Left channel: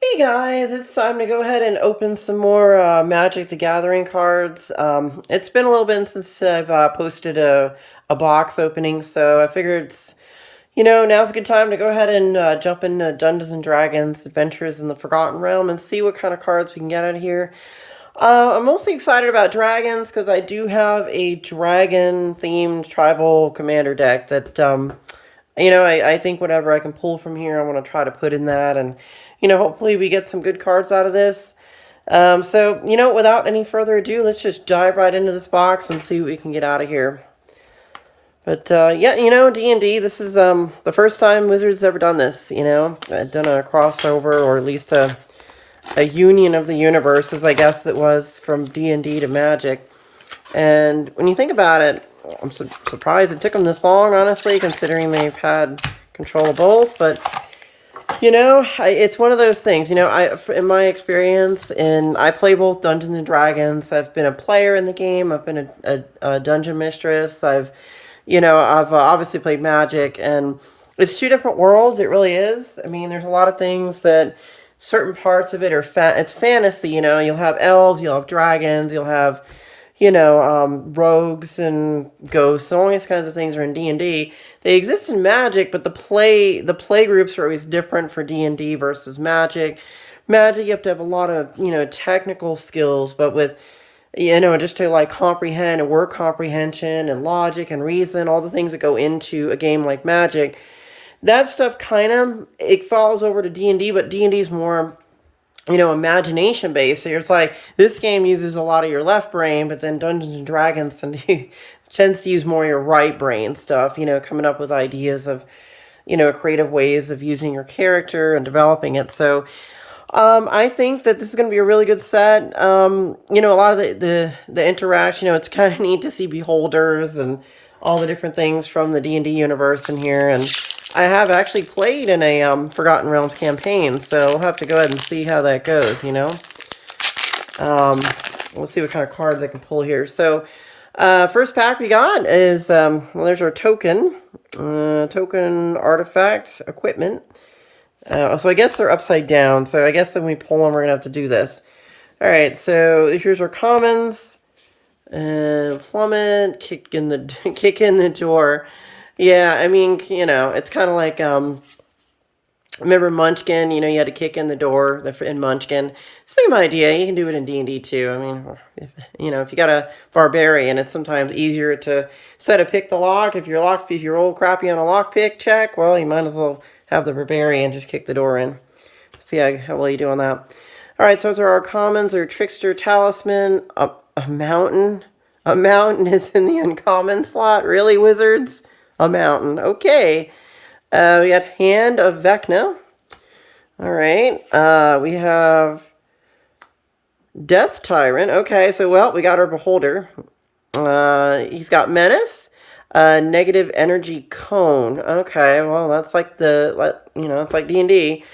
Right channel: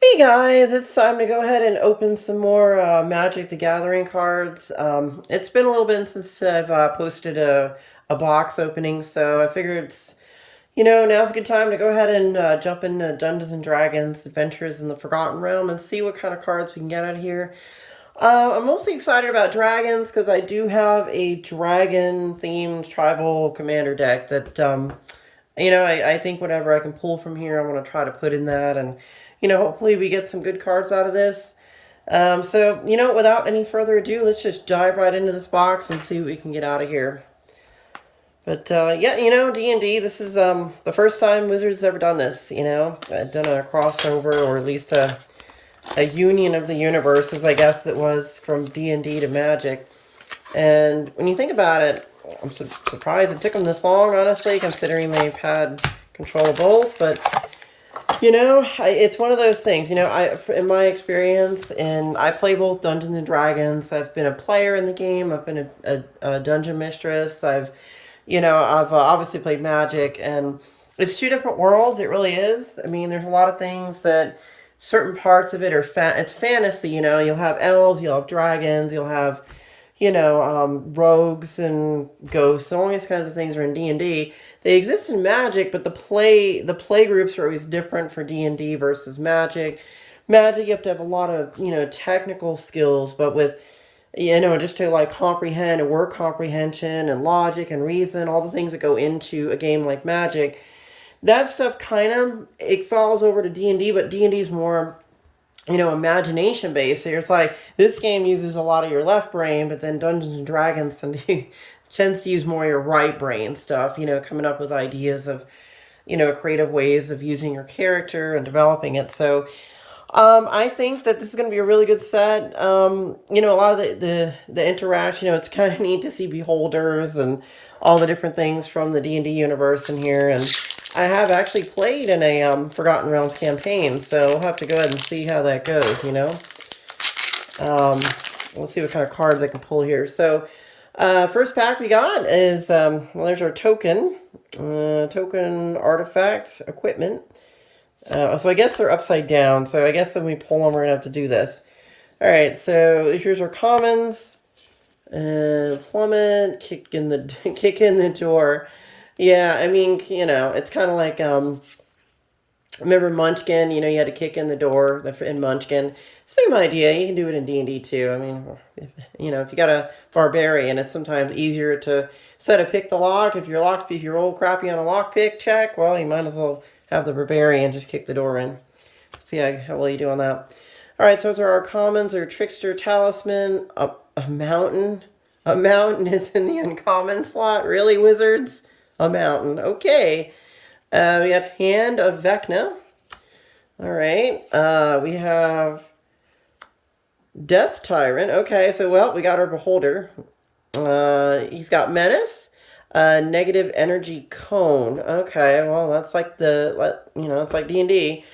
Hey guys, it's time to go ahead and open some more Magic the Gathering cards. It's been a little bit since I've posted a box opening, so I figured now's a good time to go ahead and jump into Dungeons and Dragons Adventures in the Forgotten Realm and see what kind of cards we can get out of here. I'm mostly excited about dragons because I do have a dragon-themed tribal commander deck that I think whatever I can pull from here, I want to try to put in that. And, hopefully we get some good cards out of this. Without any further ado, let's just dive right into this box and see what we can get out of here. But, yeah, D&D, this is the first time Wizards ever done this, I've done a crossover, or at least a union of the universes, I guess it was, from D&D to Magic. And when you think about it, I'm surprised it took them this long, honestly, considering they've had control of both. But, it's one of those things. In my experience, I play both Dungeons and Dragons. I've been a player in the game. I've been a dungeon mistress. I've obviously played Magic. And it's two different worlds. It really is. I mean, there's a lot of things that certain parts of it are, it's fantasy, You'll have elves, you'll have dragons, you'll have rogues and ghosts, and all these kinds of things are in D&D. They exist in Magic, but the play groups are always different for D&D versus Magic. Magic, you have to have a lot of technical skills, but with just to like comprehend and word comprehension and logic and reason, all the things that go into a game like Magic, that stuff kind of it falls over to D&D, but D&D is more imagination based. So it's like this game uses a lot of your left brain, but then Dungeons and Dragons tends to use more your right brain stuff, coming up with ideas of, creative ways of using your character and developing it. So I think that this is going to be a really good set. A lot of the interaction, it's kind of neat to see beholders and all the different things from the D&D universe in here. And I have actually played in a Forgotten Realms campaign, so we'll have to go ahead and see how that goes, We'll see what kind of cards I can pull here. So, first pack we got is, there's our token artifact equipment. So I guess they're upside down, so I guess when we pull them, we're going to have to do this. All right, so here's our commons. Plummet, kick in the door. Yeah, I mean, it's kind of like, remember Munchkin, you had to kick in the door in Munchkin. Same idea, you can do it in D&D too. I mean, if you got a barbarian, it's sometimes easier to set a pick the lock. If you're old crappy on a lock pick check, well, you might as well have the barbarian just kick the door in. See how well you do on that. All right, so those are our commons, our trickster talisman, a mountain. A mountain is in the uncommon slot. Really, Wizards? A mountain. Okay. We got Hand of Vecna. All right. We have Death Tyrant. Okay, so, well, we got our Beholder. He's got Menace. Negative Energy Cone. Okay, well, that's like it's like D&D.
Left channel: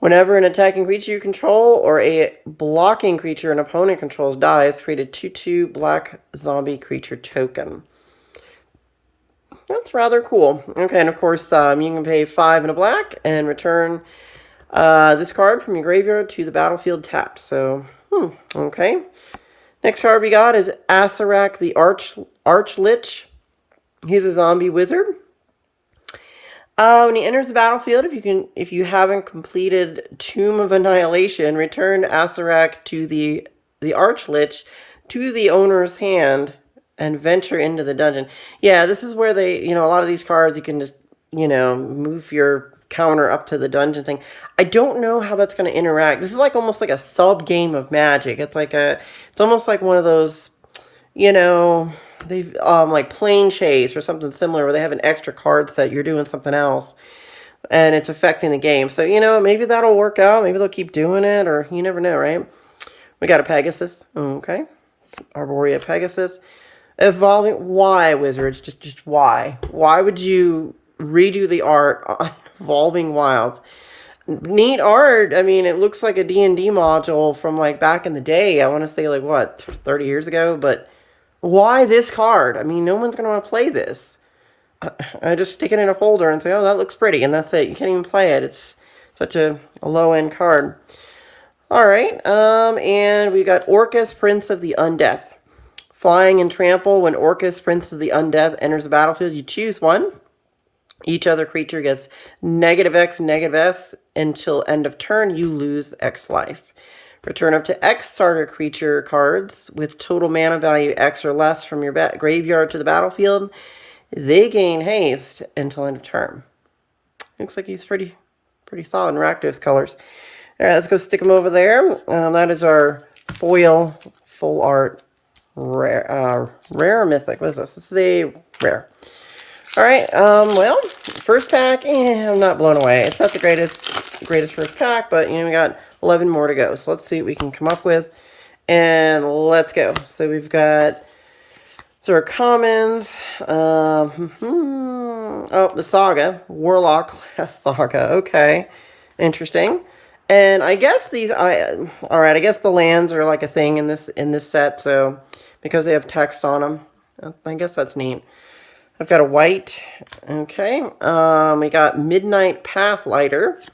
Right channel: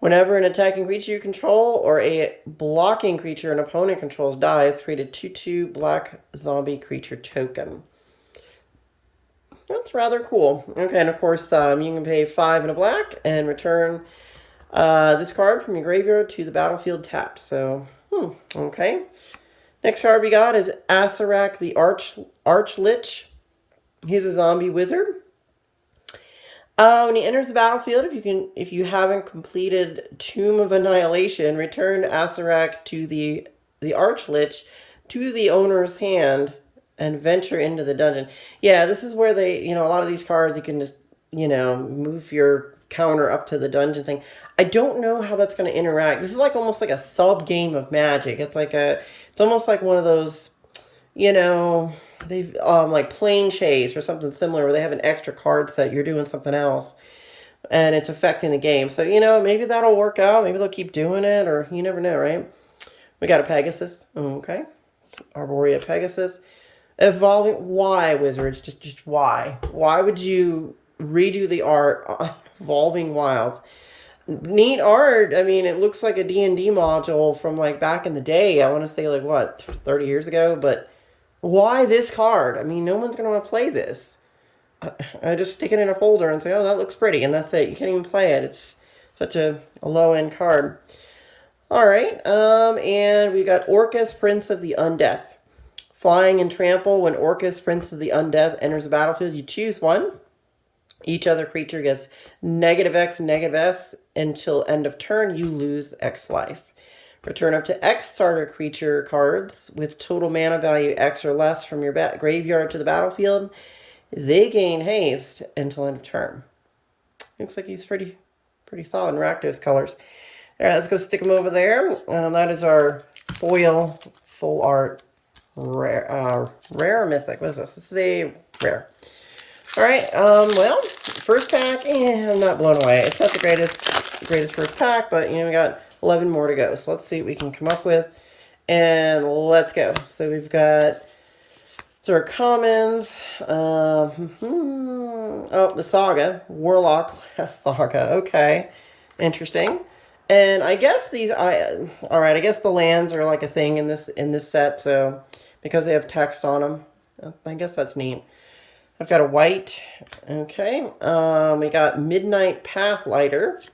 Whenever an attacking creature you control or a blocking creature an opponent controls dies, create a 2/2 black zombie creature token. That's rather cool. Okay, and of course, you can pay 5 and a black and return this card from your graveyard to the battlefield tapped. So, okay. Next card we got is Asarak the Archlich. He's a zombie wizard. When he enters the battlefield, if you haven't completed Tomb of Annihilation, return Asarak to the Archlich to the owner's hand and venture into the dungeon. Yeah, this is where a lot of these cards you can just, move your counter up to the dungeon thing. I don't know how that's going to interact. This is like almost like a sub game of Magic. It's almost like one of those, they've like Plane Chase or something similar where they have an extra card set. You're doing something else, and it's affecting the game. So maybe that'll work out. Maybe they'll keep doing it, or you never know, right? We got a Pegasus. Okay, Arborea Pegasus. Evolving. Why, Wizards? Just why? Why would you redo the art on Evolving Wilds? Neat art. I mean, it looks like a D&D module from like back in the day. I want to say like what, 30 years ago, but why this card? I mean, no one's going to want to play this. I just stick it in a folder and say, oh, that looks pretty, and that's it. You can't even play it. It's such a low-end card. All right, and we got Orcus, Prince of the Undeath. Flying and trample. When Orcus, Prince of the Undeath, enters the battlefield, you choose one. Each other creature gets -X, -S until end of turn. You lose X life. Return up to X target creature cards with total mana value X or less from your graveyard to the battlefield. They gain haste until end of turn. Looks like he's pretty solid in Rakdos colors. All right, let's go stick him over there. That is our foil full art rare mythic. What is this? This is a rare. All right, well, first pack, I'm not blown away. It's not the greatest first pack, but, we got 11 more to go. So let's see what we can come up with, and let's go. So we've got, our commons, oh, the Saga, Warlock class Saga, okay, interesting. And I guess all right, I guess the lands are like a thing in this set, so, because they have text on them, I guess that's neat. I've got a white. Okay. We got Midnight Pathlighter.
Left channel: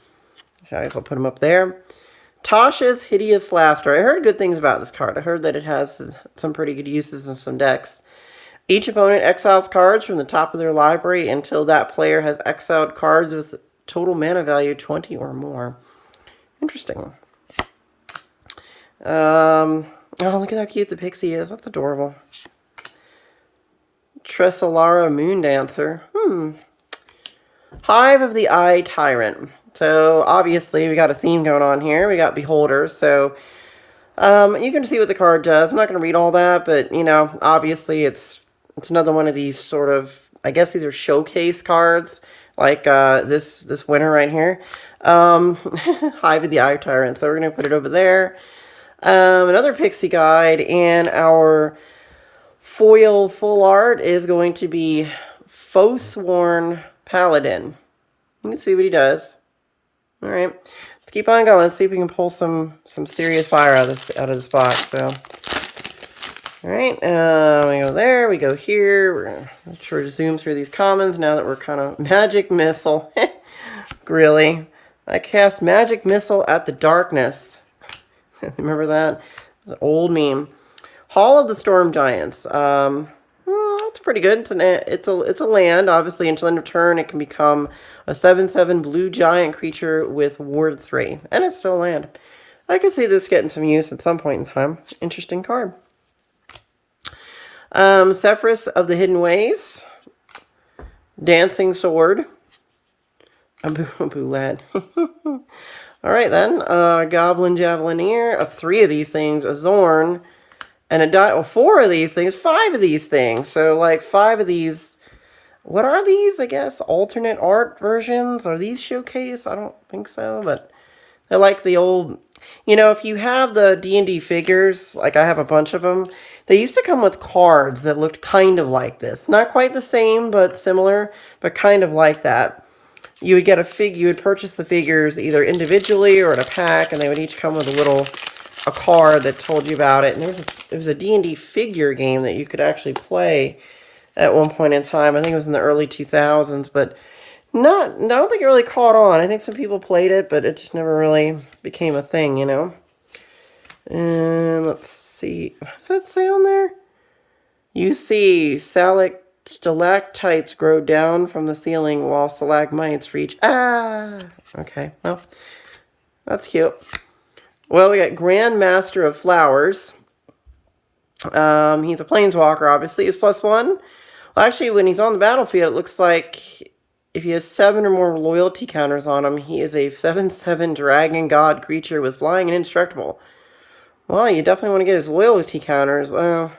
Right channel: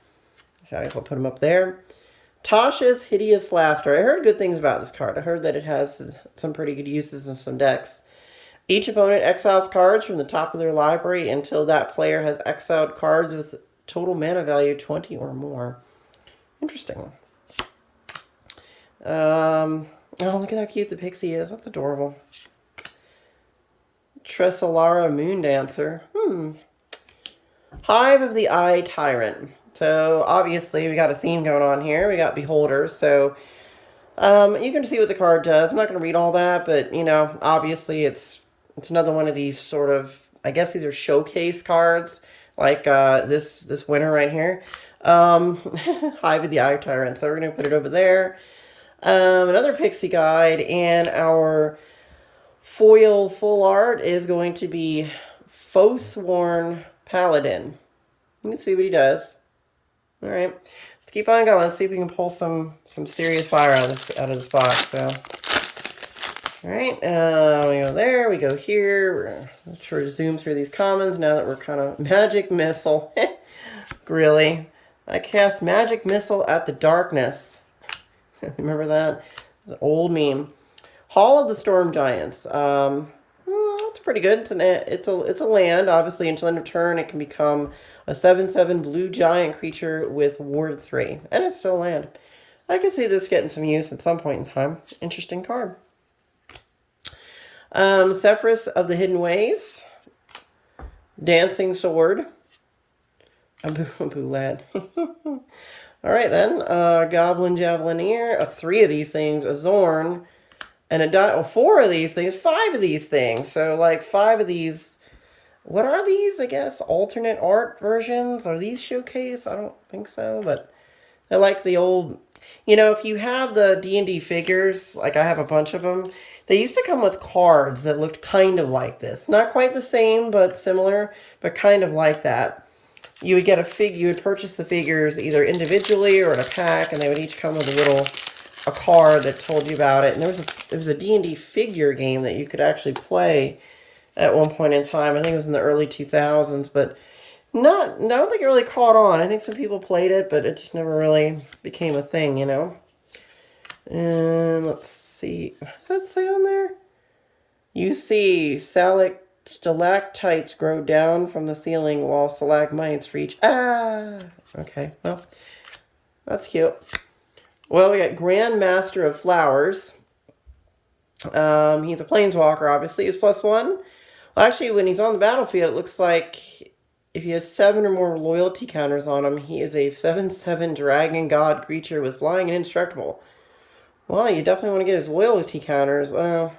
I guess I'll put him up there. Tasha's Hideous Laughter. I heard good things about this card. I heard that it has some pretty good uses in some decks. Each opponent exiles cards from the top of their library until that player has exiled cards with total mana value 20 or more. Interesting. Oh, look at how cute the pixie is. That's adorable. Tresselara Moondancer. Hive of the Eye Tyrant. So, obviously, we got a theme going on here. We got Beholders. So, you can see what the card does. I'm not going to read all that, but, obviously, it's another one of these sort of, I guess these are showcase cards, like this winner right here. Hive of the Eye Tyrant. So, we're going to put it over there. Another pixie guide, and our foil full art is going to be Forsworn Paladin. Let's see what he does. All right, let's keep on going. Let's see if we can pull some serious fire out of this box. So, all right, we go there. We go here. We're gonna try to zoom through these commons now that we're kind of Magic Missile. Really, I cast Magic Missile at the darkness. Remember that? It's an old meme. Hall of the Storm Giants. It's pretty good. It's a land. Obviously, until end of turn, it can become a 7/7 blue giant creature with Ward 3. And it's still a land. I can see this getting some use at some point in time. Interesting card. Sephirus of the Hidden Ways. Dancing Sword. Boulette. All right, then. Goblin Javelineer. 3 of these things. A Zorn. And 4 of these things, 5 of these things. So, like, 5 of these. What are these, I guess? Alternate art versions? Are these showcase? I don't think so, but they're like the old... if you have the D&D figures, like I have a bunch of them, they used to come with cards that looked kind of like this. Not quite the same, but similar, but kind of like that. You would get you would purchase the figures either individually or in a pack, and they would each come with a card that told you about it. And there was a D&D figure game that you could actually play at one point in time. I think it was in the early 2000s, but I don't think it really caught on. I think some people played it, but it just never really became a thing, Let's see. Does that say on there? You see stalactites grow down from the ceiling while stalagmites reach. Okay, well, that's cute. Well, we got Grand Master of Flowers. He's a planeswalker, obviously. He's +1. Well, actually, when he's on the battlefield, it looks like if he has 7 or more loyalty counters on him, he is a 7/7 dragon god creature with flying and indestructible. Well, you definitely want to get his loyalty counters. Well,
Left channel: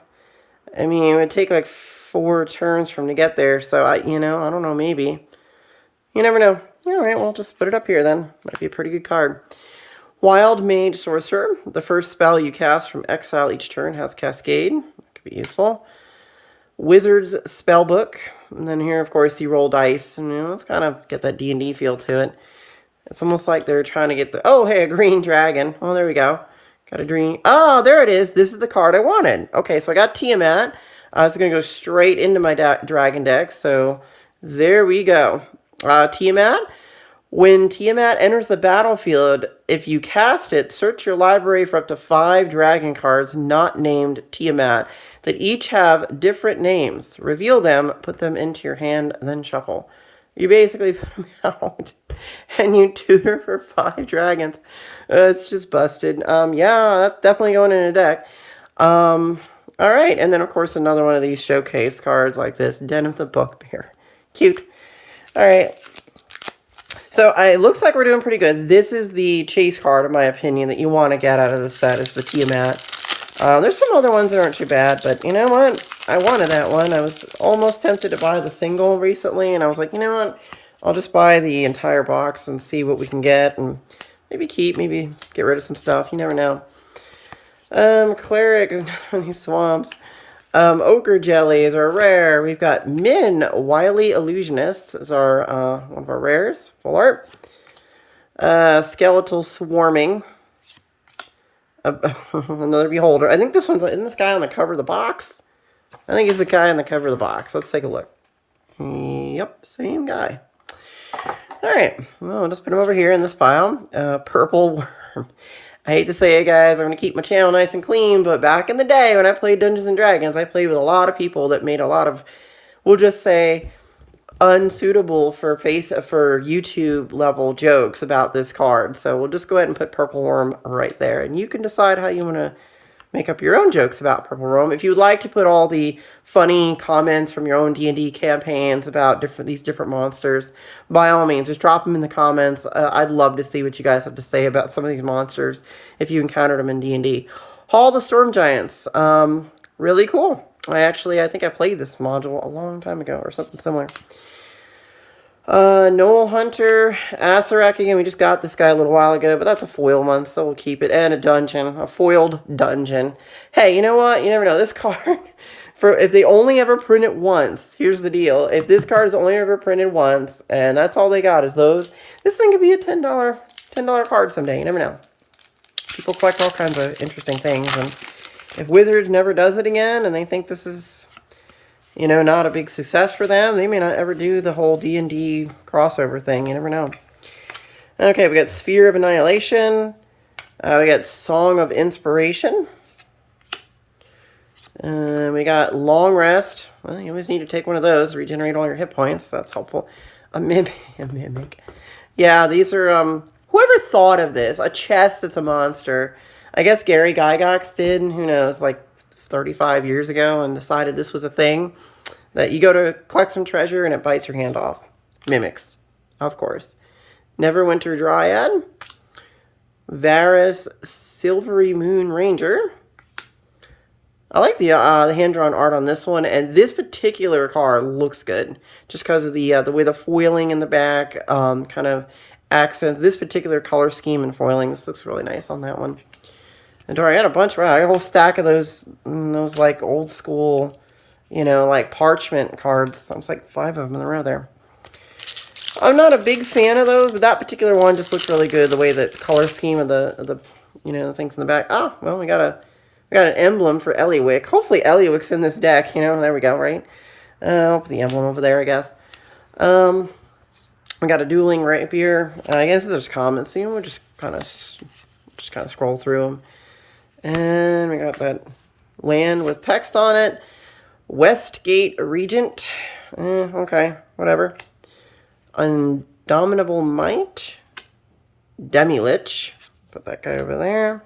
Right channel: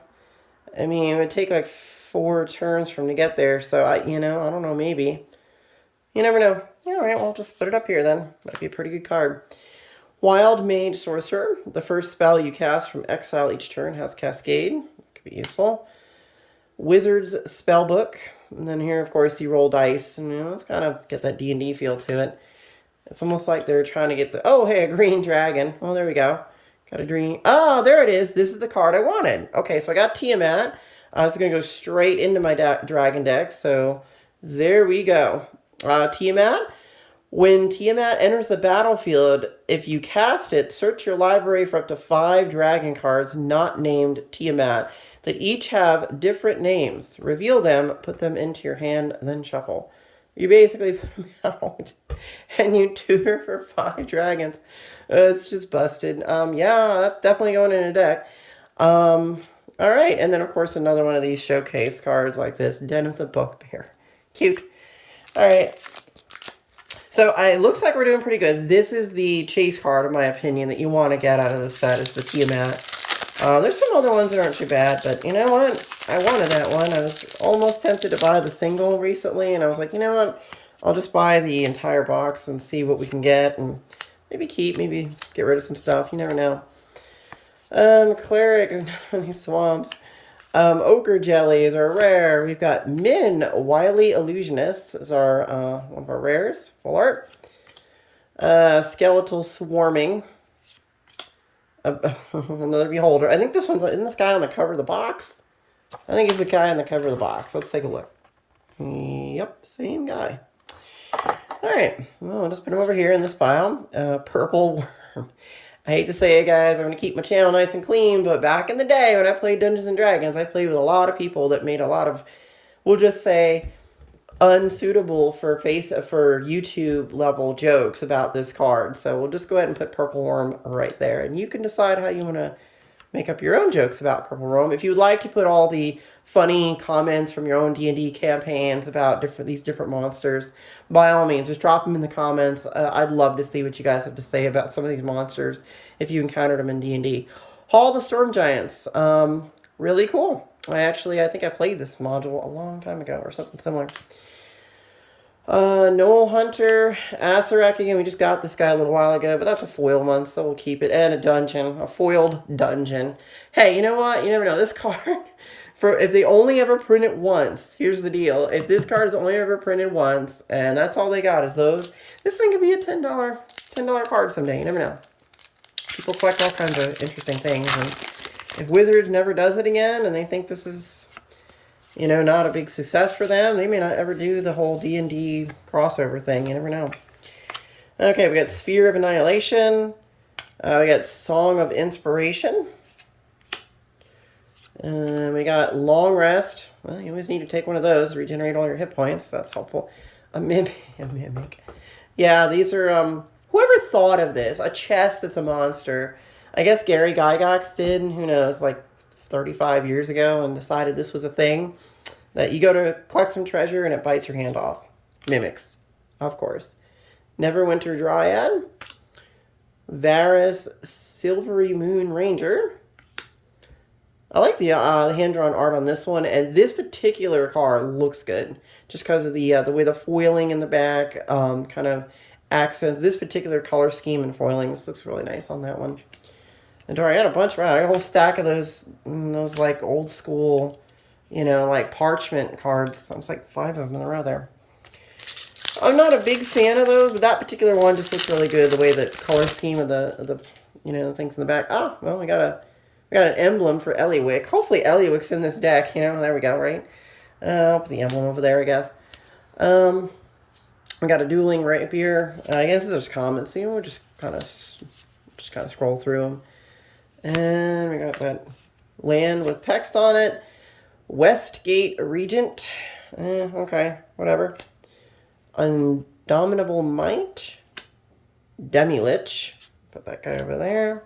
I mean, it would take like 4 turns for him to get there, so I don't know, maybe. You never know. All right, we'll just put it up here then. Might be a pretty good card. Wild Mage Sorcerer. The first spell you cast from exile each turn has Cascade. Could be useful. Wizard's Spellbook. And then here, of course, you roll dice. And, let's kind of get that D&D feel to it. It's almost like they're trying to get the... Oh, hey, a green dragon. Oh, there we go. Got a green... Oh, there it is. This is the card I wanted. Okay, so I got Tiamat. I was going to go straight into my dragon deck. So there we go. Tiamat. When Tiamat enters the battlefield, if you cast it, search your library for up to 5 dragon cards not named Tiamat that each have different names. Reveal them, put them into your hand, then shuffle. You basically put them out and you tutor for 5 dragons. It's just busted. Yeah, that's definitely going in a deck. All right, and then of course another one of these showcase cards like this, Den of the Bugbear. Cute. All right. So it looks like we're doing pretty good. This is the chase card, in my opinion, that you want to get out of the set, is the Tiamat. There's some other ones that aren't too bad, but you know what? I wanted that one. I was almost tempted to buy the single recently, and I was like, you know what? I'll just buy the entire box and see what we can get, and maybe keep, maybe get rid of some stuff. You never know. Cleric of these swamps. Ochre jellies are rare. We've got Min, Wily Illusionist, is our one of our rares. Full art. Skeletal Swarming. Another Beholder. I think this one's, isn't this guy on the cover of the box? I think he's the guy on the cover of the box. Let's take a look. Yep, same guy. Alright, well, I'll just put him over here in this file. Purple Worm. I hate to say it, guys, I'm going to keep my channel nice and clean, but back in the day when I played Dungeons & Dragons, I played with a lot of people that made a lot of, we'll just say, unsuitable for YouTube level jokes about this card. So we'll just go ahead and put Purple Worm right there. And you can decide how you want to make up your own jokes about Purple Worm. If you would like to put all the funny comments from your own D&D campaigns about these different monsters, by all means, just drop them in the comments. I'd love to see what you guys have to say about some of these monsters if you encountered them in D&D. Hall of the Storm Giants. Really cool. I think I played this module a long time ago or something similar. Noel Hunter, Asarak again. We just got this guy a little while ago, but that's a foil one, so we'll keep it. And a dungeon, a foiled dungeon. Hey, you know what? You never know. This card, if they only ever print it once, here's the deal. If this card is only ever printed once, and that's all they got is those, this thing could be a $10 card someday. You never know. People collect all kinds of interesting things, and if Wizards never does it again, and they think this is, you know, not a big success for them, they may not ever do the whole D&D crossover thing. You never know. Okay, we got Sphere of Annihilation. We got Song of Inspiration. We got Long Rest. Well, you always need to take one of those to regenerate all your hit points. So that's helpful. A Mimic. Yeah, these are, whoever thought of this? A chest that's a monster. I guess Gary Gygax did, who knows, like 35 years ago, and decided this was a thing. That you go to collect some treasure and it bites your hand off. Mimics, of course. Neverwinter Dryad. Varus Silvery Moon Ranger. I like the hand-drawn art on this one, and this particular card looks good. Just because of the way the foiling in the back kind of accents this particular color scheme and foiling. This looks really nice on that one. And I got a bunch, I got a whole stack of those like old school, you know, like parchment cards. It's like 5 of them in a row there. I'm not a big fan of those, but that particular one just looks really good. The way the color scheme of the you know, the things in the back. Ah, well, we got an emblem for Eliwick. Hopefully Eliwick's in this deck, you know. There we go, right? I'll put the emblem over there, I guess. We got a Dueling Rapier. I guess there's comments. So, you know, we'll just kind of scroll through them. And we got that land with text on it. Westgate Regent. Okay, whatever. Indomitable Might. Demi-Lich. Put that guy over there.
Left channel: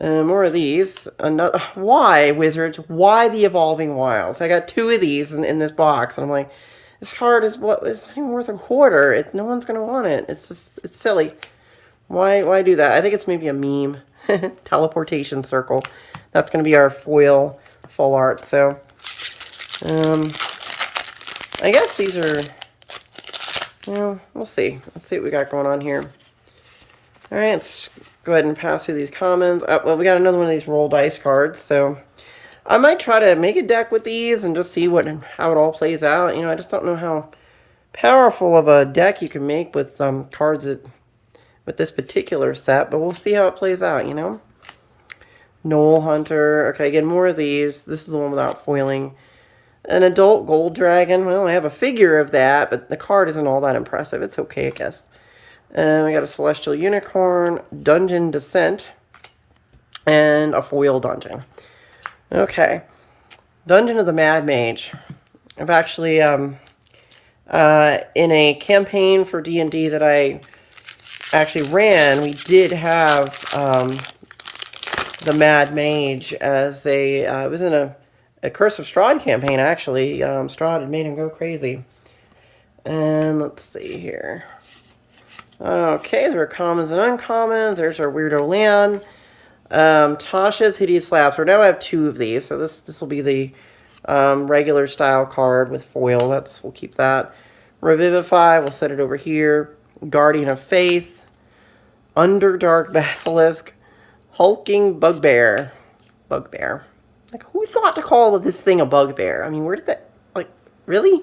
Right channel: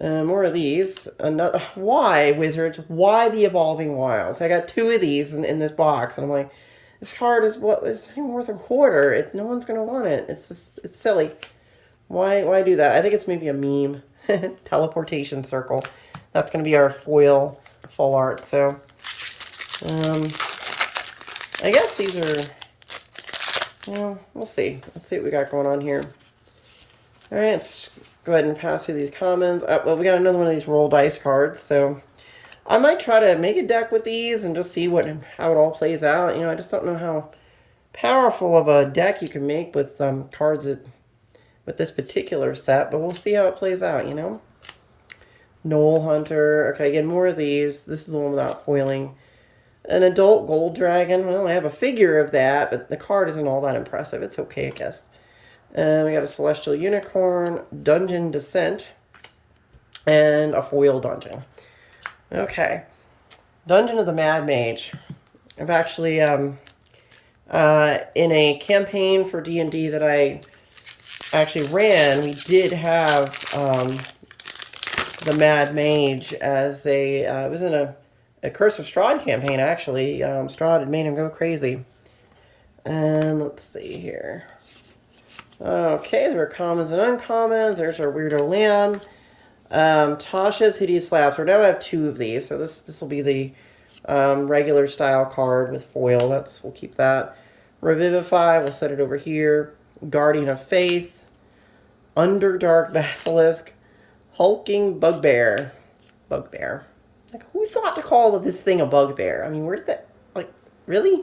More of these. Another. Why, Wizards? Why the Evolving Wilds? I got 2 of these in this box. And I'm like, this card is what was worth a quarter. No one's going to want it. It's just, it's silly. Why do that? I think it's maybe a meme. Teleportation Circle. That's going to be our foil full art. So, I guess these are, well, we'll see. Let's see what we got going on here. All right, let's go ahead and pass through these comments. Well, we got another one of these roll dice cards. So, I might try to make a deck with these and just see how it all plays out. You know, I just don't know how powerful of a deck you can make with cards with this particular set, but we'll see how it plays out, you know. Noel Hunter. Okay, again, more of these. This is the one without foiling. An adult gold dragon. Well, I have a figure of that, but the card isn't all that impressive. It's okay, I guess. And we got a celestial unicorn, dungeon descent, and a foil dungeon. Okay. Dungeon of the Mad Mage. I've actually, in a campaign for D&D that I actually ran, we did have the Mad Mage as a, it was in a Curse of Strahd campaign, actually. Strahd had made him go crazy. And let's see here. Okay, there are commons and uncommons. There's our Weirdo Land. Tasha's Hideous Slap. So now I have 2 of these. So this will be the regular style card with foil. We'll keep that. Revivify, we'll set it over here. Guardian of Faith. Underdark Basilisk. Hulking Bugbear. Bugbear. Like, who thought to call this thing a bugbear? I mean, where did that... Like, really?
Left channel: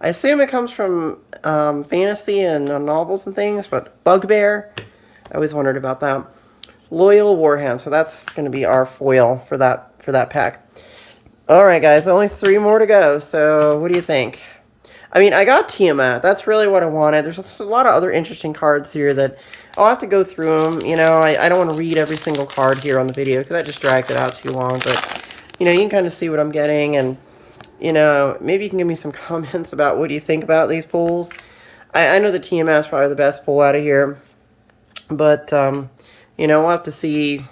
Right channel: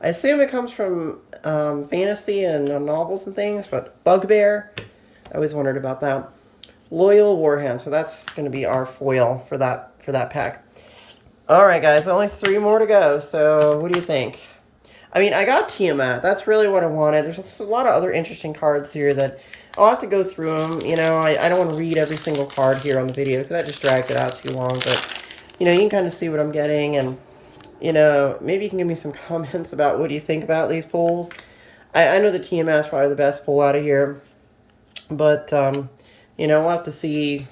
I assume it comes from fantasy and novels and things, but bugbear? I always wondered about that. Loyal Warhound. So that's going to be our foil for that pack. Alright, guys. Only 3 more to go. So, what do you think? I mean, I got Tiamat. That's really what I wanted. There's a lot of other interesting cards here that I'll have to go through them. You know, I don't want to read every single card here on the video because that just dragged it out too long. But, you know, you can kind of see what I'm getting. And, you know, maybe you can give me some comments about what do you think about these pulls. I know the Tiamat is probably the best pull out of here. But, you know, we'll have to see,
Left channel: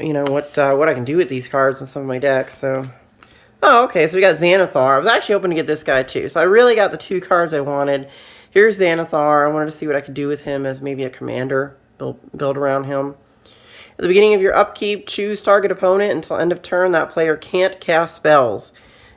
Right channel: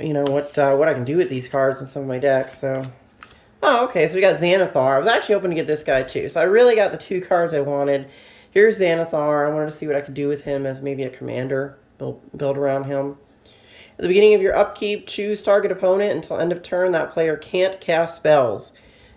you know, what I can do with these cards in some of my decks. So, oh, okay, so we got Xanathar. I was actually hoping to get this guy too. So I really got the 2 cards I wanted. Here's Xanathar. I wanted to see what I could do with him as maybe a commander. Build around him. At the beginning of your upkeep, choose target opponent. Until end of turn, that player can't cast spells.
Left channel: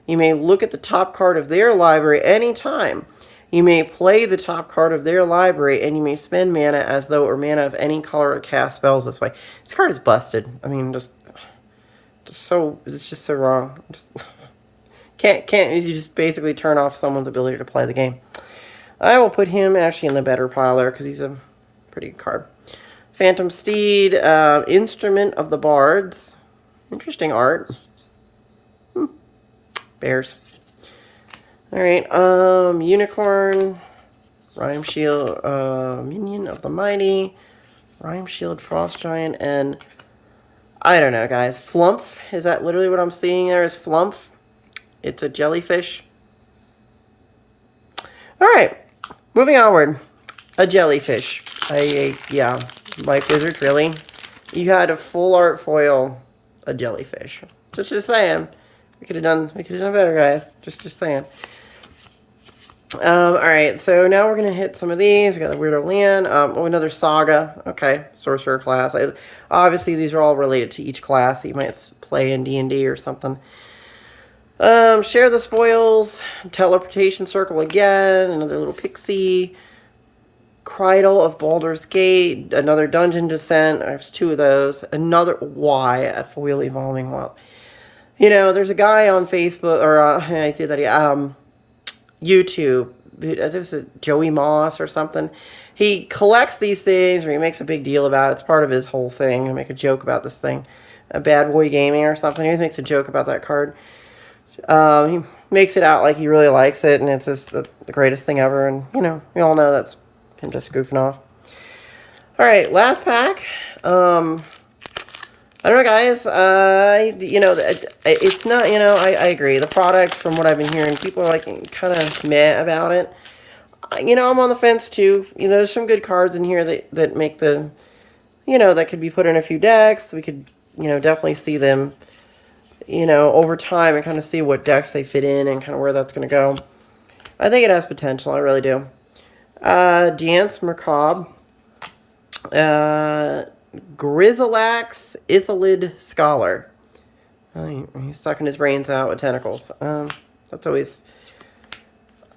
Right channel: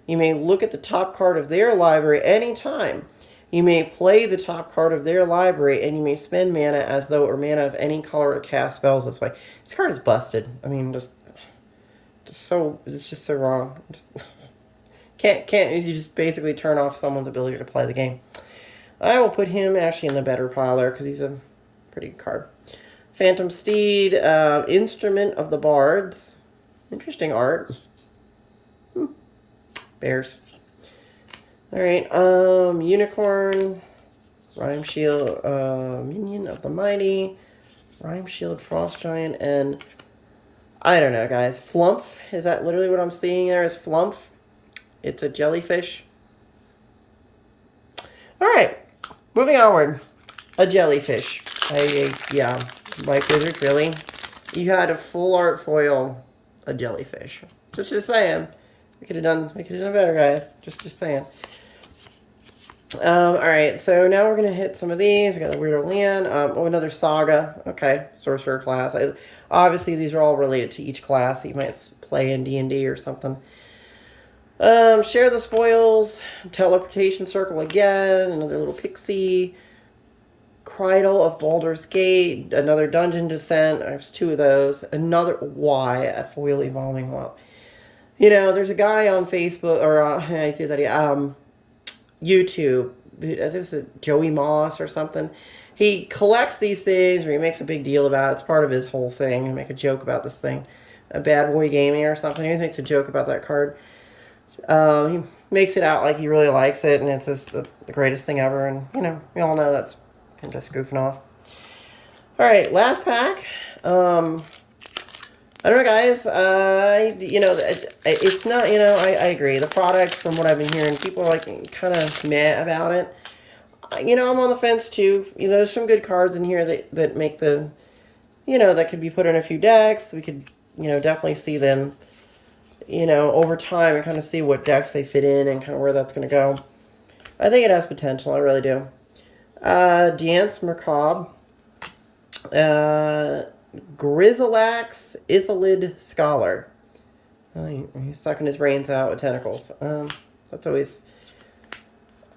You may look at the top card of their library anytime. You may play the top card of their library, and you may spend mana as though it were mana of any color to cast spells this way. This card is busted. I mean, it's just so wrong. Can't you just basically turn off someone's ability to play the game? I will put him actually in the better pile there because he's a pretty good card. Phantom Steed, Instrument of the Bards. Interesting art. Bears. Alright, Unicorn, Rhyme Shield, Minion of the Mighty, Rhyme Shield, Frost Giant, and I don't know, guys. Flump, is that literally what I'm seeing there is Flump? It's a jellyfish. Alright, moving onward. A jellyfish. Yeah, Life Wizard, really? You had a full art foil, a jellyfish. Just saying. We could have done better, guys. Just saying. Alright, so now we're going to hit some of these. We got the Weirdo Land. Oh, another Saga. Okay, Sorcerer class. Obviously, these are all related to each class that you might play in D&D or something. Share the Spoils. Teleportation Circle again. Another little pixie. Cridle of Baldur's Gate. Another Dungeon Descent. There's 2 of those. Another a foil evolving wild. You know, there's a guy on Facebook, or I say that YouTube. I think it was Joey Moss or something. He collects these things, or he makes a big deal about it. It's part of his whole thing. He'll make a joke about this thing. A Bad Boy Gaming or something. He always makes a joke about that card. He makes it out like he really likes it, and it's just the greatest thing ever. And, you know, we all know that's him just goofing off. Alright, last pack. I don't know, guys. You know, it's not, you know, I agree. The product, from what I've been hearing, people are, like, kind of meh about it. You know, I'm on the fence, too. You know, there's some good cards in here that make the, you know, that could be put in a few decks. We could, you know, definitely see them, you know, over time and kind of see what decks they fit in and kind of where that's going to go. I think it has potential. I really do. Dance Macabre. Grizzlax Ithalid Scholar. Oh, he's sucking his brains out with tentacles. That's always...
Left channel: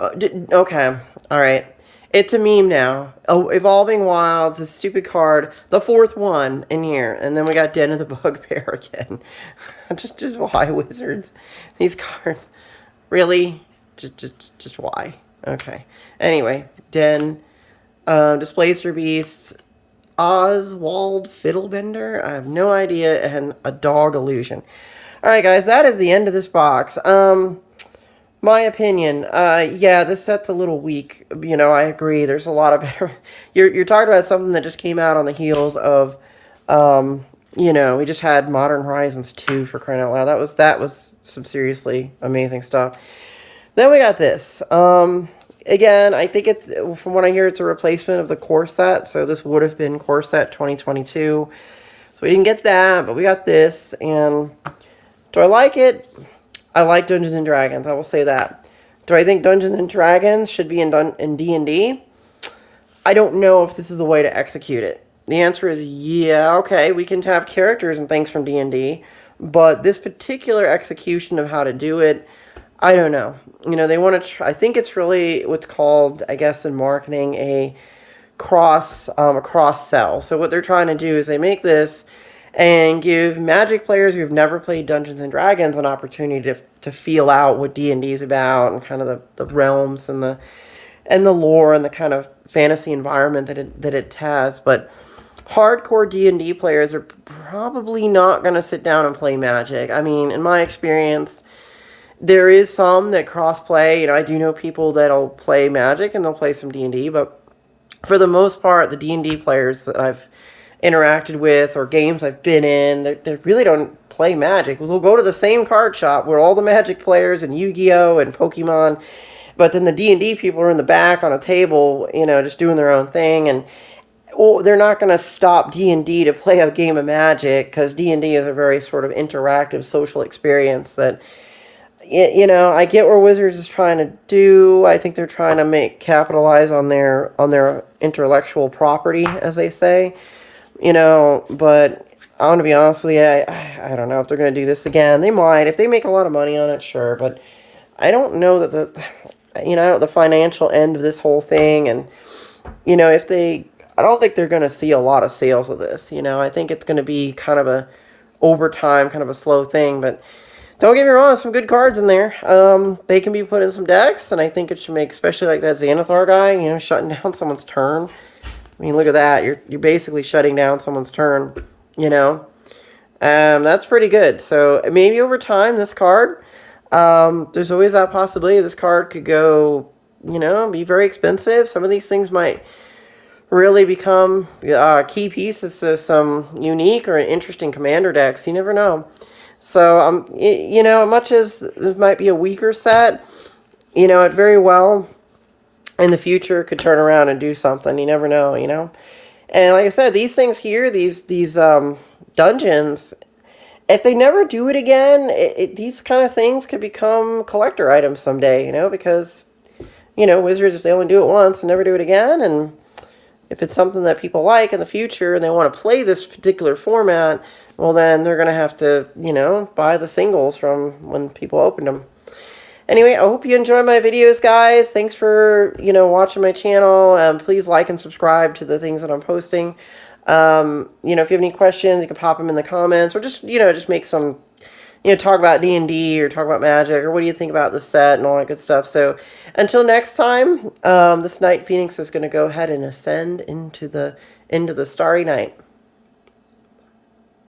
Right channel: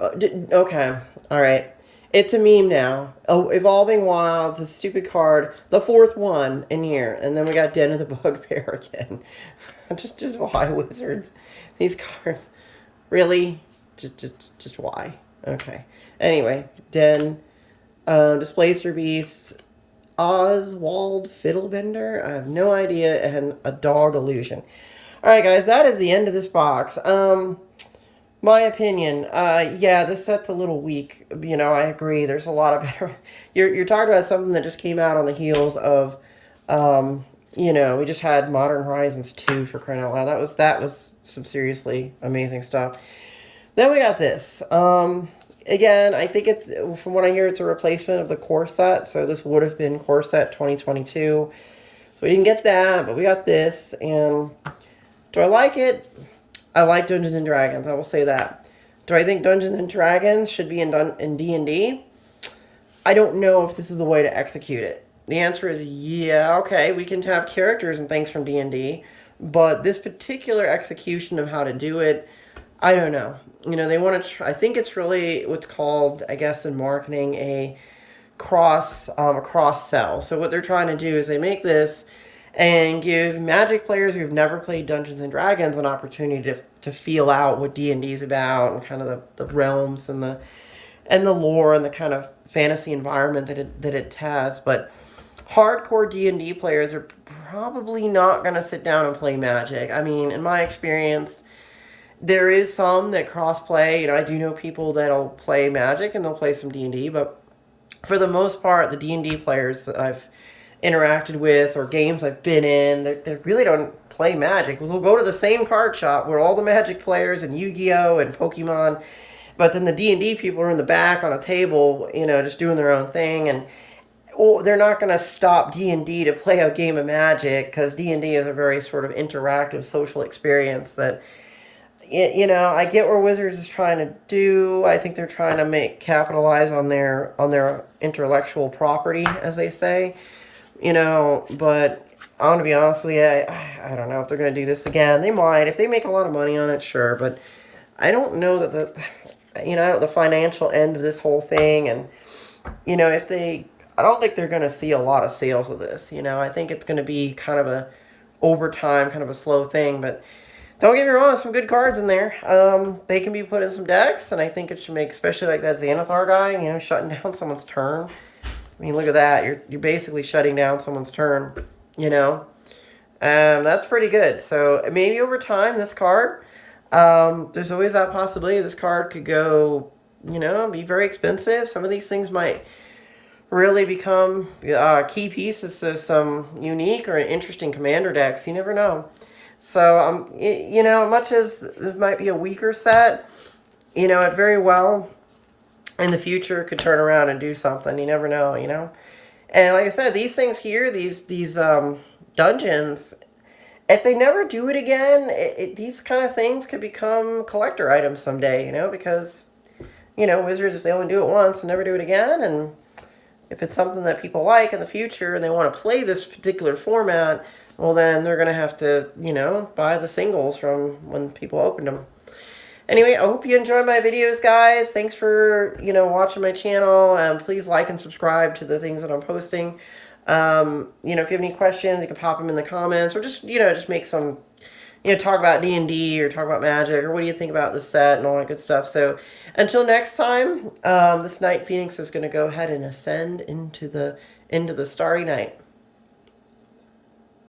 okay, alright. It's a meme now. Oh, Evolving Wilds, a stupid card. The 4th one in here. And then we got Den of the Bugbear again. just why, Wizards? These cards. Really? Just why? Okay. Anyway, Den. Displays for Beasts. Oswald Fiddlebender? I have no idea. And a Dog Illusion. All right, guys, that is the end of this box. My opinion, yeah, this set's a little weak. You know, I agree. There's a lot of better. You're talking about something that just came out on the heels of, you know, we just had Modern Horizons 2 for crying out loud. That was some seriously amazing stuff. Then we got this. Again, I think it's, from what I hear, it's a replacement of the core set. So this would have been core set 2022. So we didn't get that, but we got this. And do I like it? I like Dungeons and Dragons. I will say that. Do I think Dungeons and Dragons should be in D&D? I don't know if this is the way to execute it. The answer is yeah, okay, we can have characters and things from D&D, but this particular execution of how to do it, I don't know. You know, they want to try, I think it's really what's called, I guess in marketing, a cross sell. So what they're trying to do is they make this and give Magic players who've never played Dungeons and Dragons an opportunity to feel out what D&D is about and kind of the realms and the lore and the kind of fantasy environment that it has. But hardcore D&D players are probably not going to sit down and play Magic. I mean, in my experience, there is some that cross-play. You know, I do know people that'll play Magic and they'll play some D&D, but for the most part, the D&D players that I've interacted with or games I've been in, they really don't play Magic. We'll go to the same card shop where all the Magic players and Yu-Gi-Oh! And Pokemon, but then the D&D people are in the back on a table, you know, just doing their own thing, and they're not going to stop D&D to play a game of Magic, because D&D is a very sort of interactive social experience that, you know, I get where Wizards is trying to do. I think they're trying to capitalize on their intellectual property, as they say. You know, but I want to be honest with you, I don't know if they're going to do this again. They might. If they make a lot of money on it, sure. But I don't know that the financial end of this whole thing. And, you know, I don't think they're going to see a lot of sales of this. You know, I think it's going to be kind of a, over time, kind of a slow thing. But don't get me wrong, some good cards in there. They can be put in some decks. And I think it should make, especially like that Xanathar guy, you know, shutting down someone's turn. I mean, look at that. You're basically shutting down someone's turn, you know. That's pretty good. So maybe over time, this card, there's always that possibility this card could go, you know, be very expensive. Some of these things might really become key pieces to some unique or interesting commander decks. You never know. So, you know, much as this might be a weaker set, you know, it very well in the future could turn around and do something. You never know, you know. And like I said, these things here, these dungeons, if they never do it again, these kind of things could become collector items someday, you know, because, you know, Wizards, if they only do it once and never do it again, and if it's something that people like in the future and they want to play this particular format, well, then they're going to have to, you know, buy the singles from when people opened them. Anyway, I hope you enjoy my videos, guys. Thanks for, you know, watching my channel. Please like and subscribe to the things that I'm posting. You know, if you have any questions, you can pop them in the comments, or just, you know, just make some, you know, talk about D&D or talk about Magic, or what do you think about the set and all that good stuff. So until next time, this Night Phoenix is going to go ahead and ascend into the starry night.